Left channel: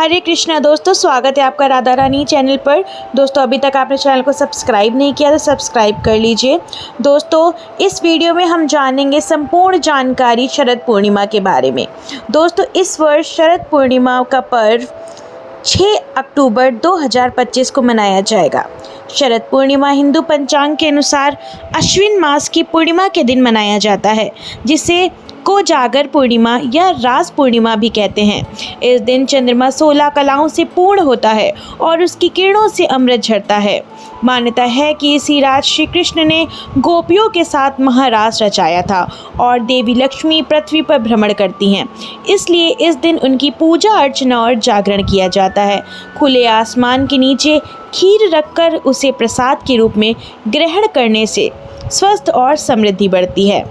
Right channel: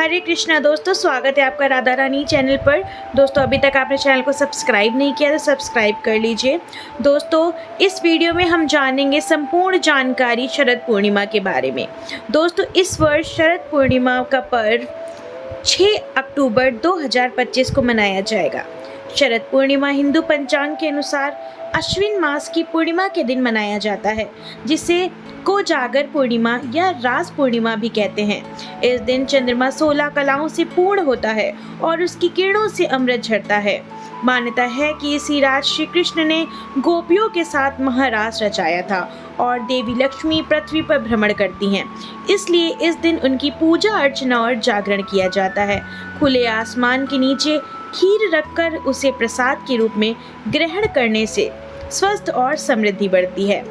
हरे कृष्णा दोस्तों, स्वागत है आपका राधा रानी चैनल पर। दोस्तों, अभी तक आपने चैनल को सब्सक्राइब नहीं किया तो सब्सक्राइब कर लीजिए। दोस्तों, इस वीडियो में हम जानेंगे संपूर्ण जानकारी शरद पूर्णिमा के बारे में। दोस्तों, इस वर्ष शरद पूर्णिमा का पर्व 6 अक्टूबर 2025 को मनाया जाएगा। शरद पूर्णिमा हिंदू पंचांग के अनुसार अश्विन मास की पूर्णिमा के दिन मनाया जाता है, जिसे कोजागर पूर्णिमा या रास पूर्णिमा भी कहते हैं। इस दिन चंद्रमा 16 कलाओं से पूर्ण होता है और उसकी किरणों से अमृत झरता है। मान्यता है कि इसी रात श्री कृष्ण ने गोपियों के साथ महारास रचाया था और देवी लक्ष्मी पृथ्वी पर भ्रमण करती हैं, इसलिए इस दिन उनकी पूजा अर्चना और जागरण किया जाता है। खुले आसमान के नीचे खीर रखकर उसे प्रसाद के रूप में ग्रहण करने से स्वस्थ और समृद्धि बढ़ती है।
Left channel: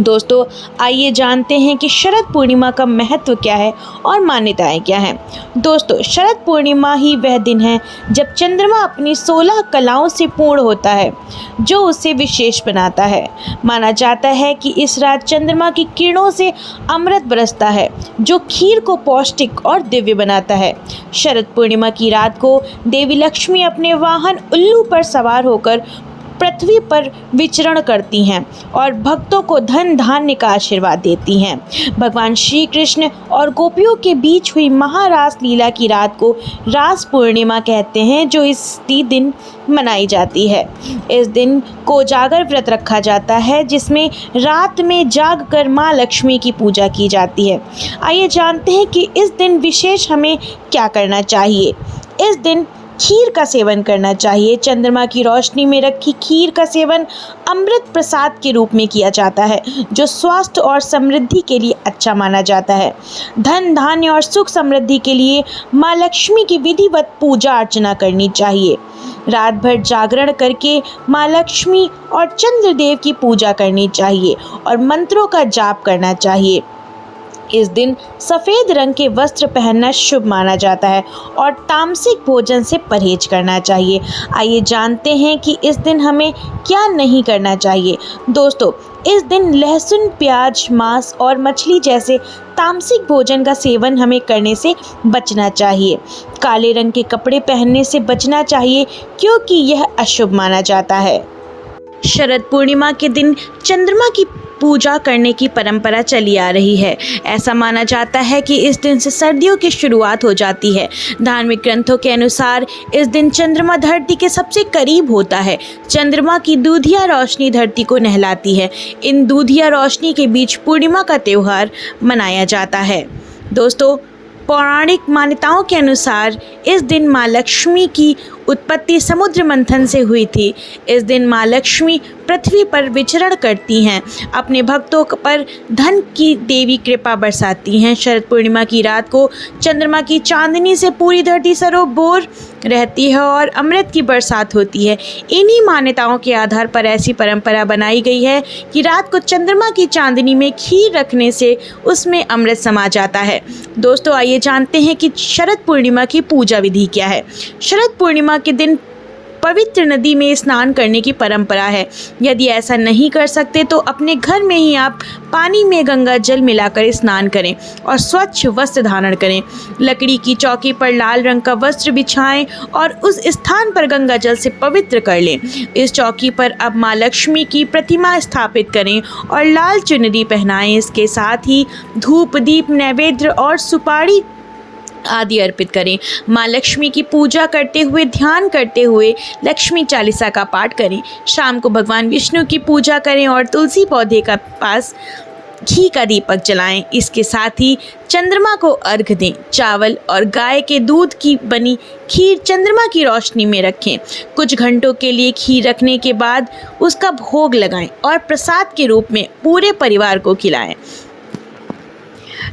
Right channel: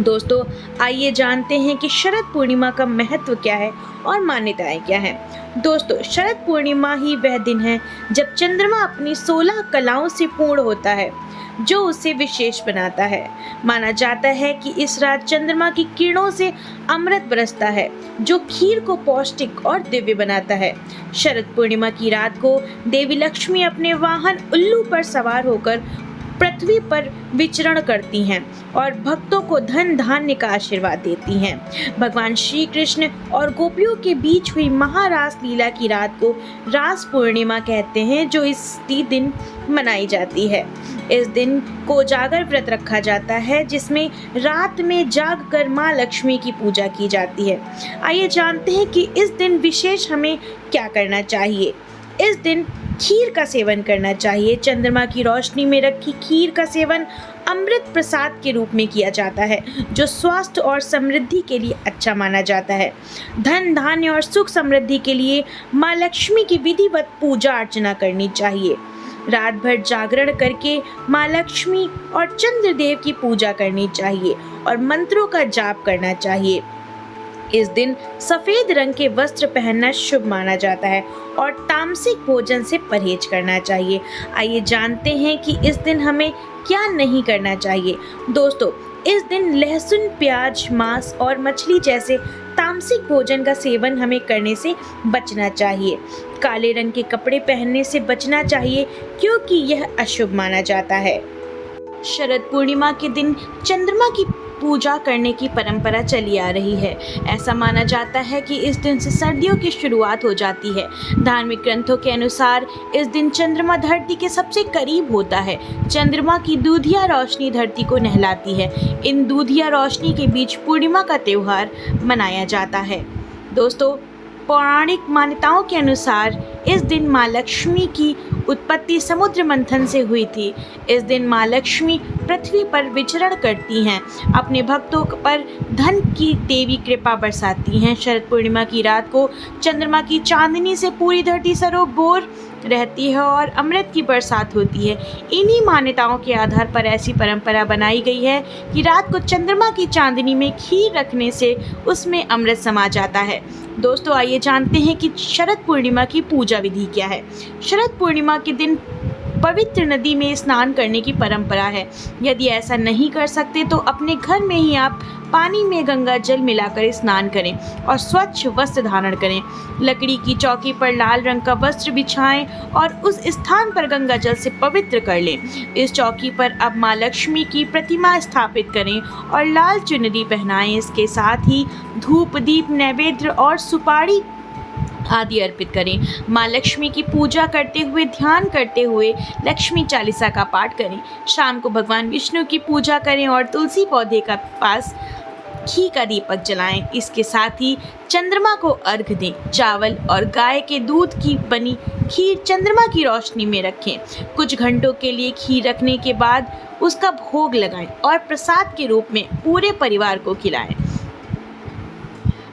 दोस्तों, आइए जानते हैं कि शरद पूर्णिमा का महत्व क्या है और मान्यताएं क्या हैं। दोस्तों, शरद पूर्णिमा ही वह दिन है जब चंद्रमा अपनी 16 कलाओं से पूर्ण होता है, जो उसे विशेष बनाता है। माना जाता है कि इस रात चंद्रमा की किरणों से अमृत बरसता है, जो खीर को पौष्टिक और दिव्य बनाता है। शरद पूर्णिमा की रात को देवी लक्ष्मी अपने वाहन उल्लू पर सवार होकर पृथ्वी पर विचरण करती हैं और भक्तों को धन धान्य का आशीर्वाद देती हैं। भगवान श्री कृष्ण और गोपियों के बीच हुई महारास लीला की रात को रास पूर्णिमा कहते हैं, जो इसी दिन मनाई जाती है। इस दिन कोजागर व्रत रखा जाता है, जिसमें रात में जागकर माँ लक्ष्मी की पूजा की जाती है। आइए जानते हैं कि इस दिन विशेष हमें क्या करना चाहिए। इस दिन खीर का सेवन करना चाहिए। चंद्रमा की रोशनी में रखी खीर का सेवन अमृत प्रसाद के रूप में किया जाता है, जो स्वास्थ्य और समृद्धि के लिए अच्छा माना जाता है। धन धान्य और सुख समृद्धि के लिए माँ लक्ष्मी की विधिवत पूजा अर्चना करनी चाहिए। रात भर जागरण करके माँ लक्ष्मी और चंद्रदेव की पूजा करनी चाहिए और मंत्रों का जाप करना चाहिए। इस दिन सफ़ेद रंग के वस्त्र पहनना शुभ माना जाता है और तामसिक भोजन से परहेज करना चाहिए। आइए जानते हैं कि इस दिन हमें क्या नहीं करना चाहिए। दोस्तों, इस दिन लहसुन, प्याज, मांस और मछली जैसे तामसिक भोजन का सेवन हमें करने से बचना चाहिए। काले रंग के कपड़े पहनने से बचना चाहिए, क्योंकि यह अशुभ माना जाता है। शरद पूर्णिमा के दिन चंद्रमा की पूजा करने की परंपरा चली आ रही है। ऐसा माना जाता है कि इस दिन से सर्दियों की शुरुआत हो जाती है। धार्मिक ग्रंथों के अनुसार इस दिन चंद्रमा धरती के सबसे करीब होता है। चंद्रमा की दूधिया रोशनी धरती को नहलाती है। इन दूधिया रोशनी के बीच पूर्णिमा का त्यौहार मनाया जाता है। दोस्तों, पौराणिक मान्यताओं के अनुसार इस दिन माँ लक्ष्मी की उत्पत्ति समुद्र मंथन से हुई थी। इस दिन माँ लक्ष्मी पृथ्वी पर विचरण करती हैं, अपने भक्तों पर धन की देवी कृपा बरसाती हैं। शरद पूर्णिमा की रात को चंद्रमा की चांदनी से पूरी धरती सरोबोर रहती है और अमृत की बरसात होती है। इन्हीं मान्यताओं के आधार पर ऐसी परंपरा बनाई गई है कि रात को चंद्रमा की चांदनी में खीर रखने से उसमें अमृत समा जाता है। दोस्तों, आइए जानते हैं कि शरद पूर्णिमा की पूजा विधि क्या है। शरद पूर्णिमा के दिन पवित्र नदी में स्नान करने की परंपरा है। यदि ऐसा नहीं कर सकते तो अपने घर में ही आप पानी में गंगा जल मिलाकर स्नान करें और स्वच्छ वस्त्र धारण करें। लकड़ी की चौकी पर लाल रंग का वस्त्र बिछाएं और उस स्थान पर गंगा जल से पवित्र कर लें। इस चौकी पर अब माँ लक्ष्मी की प्रतिमा स्थापित करें और लाल चुनरी पहनाएं। इसके साथ ही धूप, दीप, नैवेद्य और सुपारी आदि अर्पित करें। माँ लक्ष्मी की पूजा करते हुए, ध्यान करते हुए लक्ष्मी चालीसा का पाठ करें। शाम को भगवान विष्णु की पूजा करें और तुलसी पौधे का पास घी का दीपक जलाएं। इसके साथ ही चंद्रमा को अर्घ दें। चावल और गाय के दूध की बनी खीर चंद्रमा की रोशनी में रखें। कुछ घंटों के लिए खीर रखने के बाद उसका भोग लगाएं और प्रसाद के रूप में पूरे परिवार को खिलाएं।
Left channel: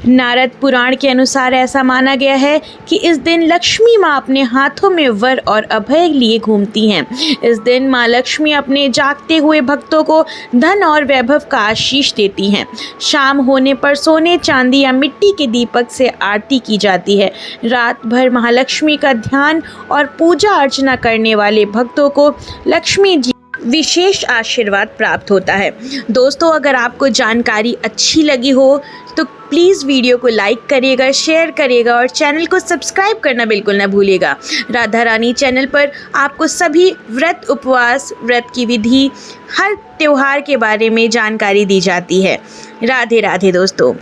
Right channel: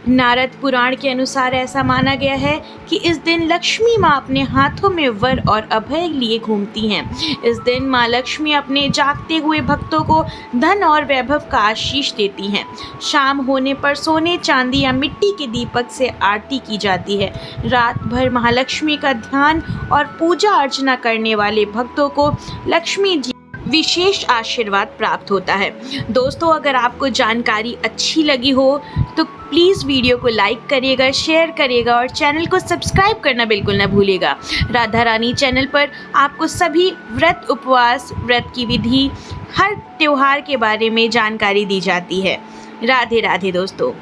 नारद पुराण के अनुसार ऐसा माना गया है कि इस दिन लक्ष्मी माँ अपने हाथों में वर और अभय लिए घूमती हैं। इस दिन माँ लक्ष्मी अपने जागते हुए भक्तों को धन और वैभव का आशीष देती हैं। शाम होने पर सोने, चांदी या मिट्टी के दीपक से आरती की जाती है। रात भर महालक्ष्मी का ध्यान और पूजा अर्चना करने वाले भक्तों को लक्ष्मी जी विशेष आशीर्वाद प्राप्त होता है। दोस्तों, अगर आपको जानकारी अच्छी लगी हो तो प्लीज़ वीडियो को लाइक करिएगा, शेयर करिएगा और चैनल को सब्सक्राइब करना बिल्कुल ना भूलिएगा। राधा रानी चैनल पर आपको सभी व्रत, उपवास, व्रत की विधि, हर त्यौहार के बारे में जानकारी दी जाती है। राधे राधे दोस्तों।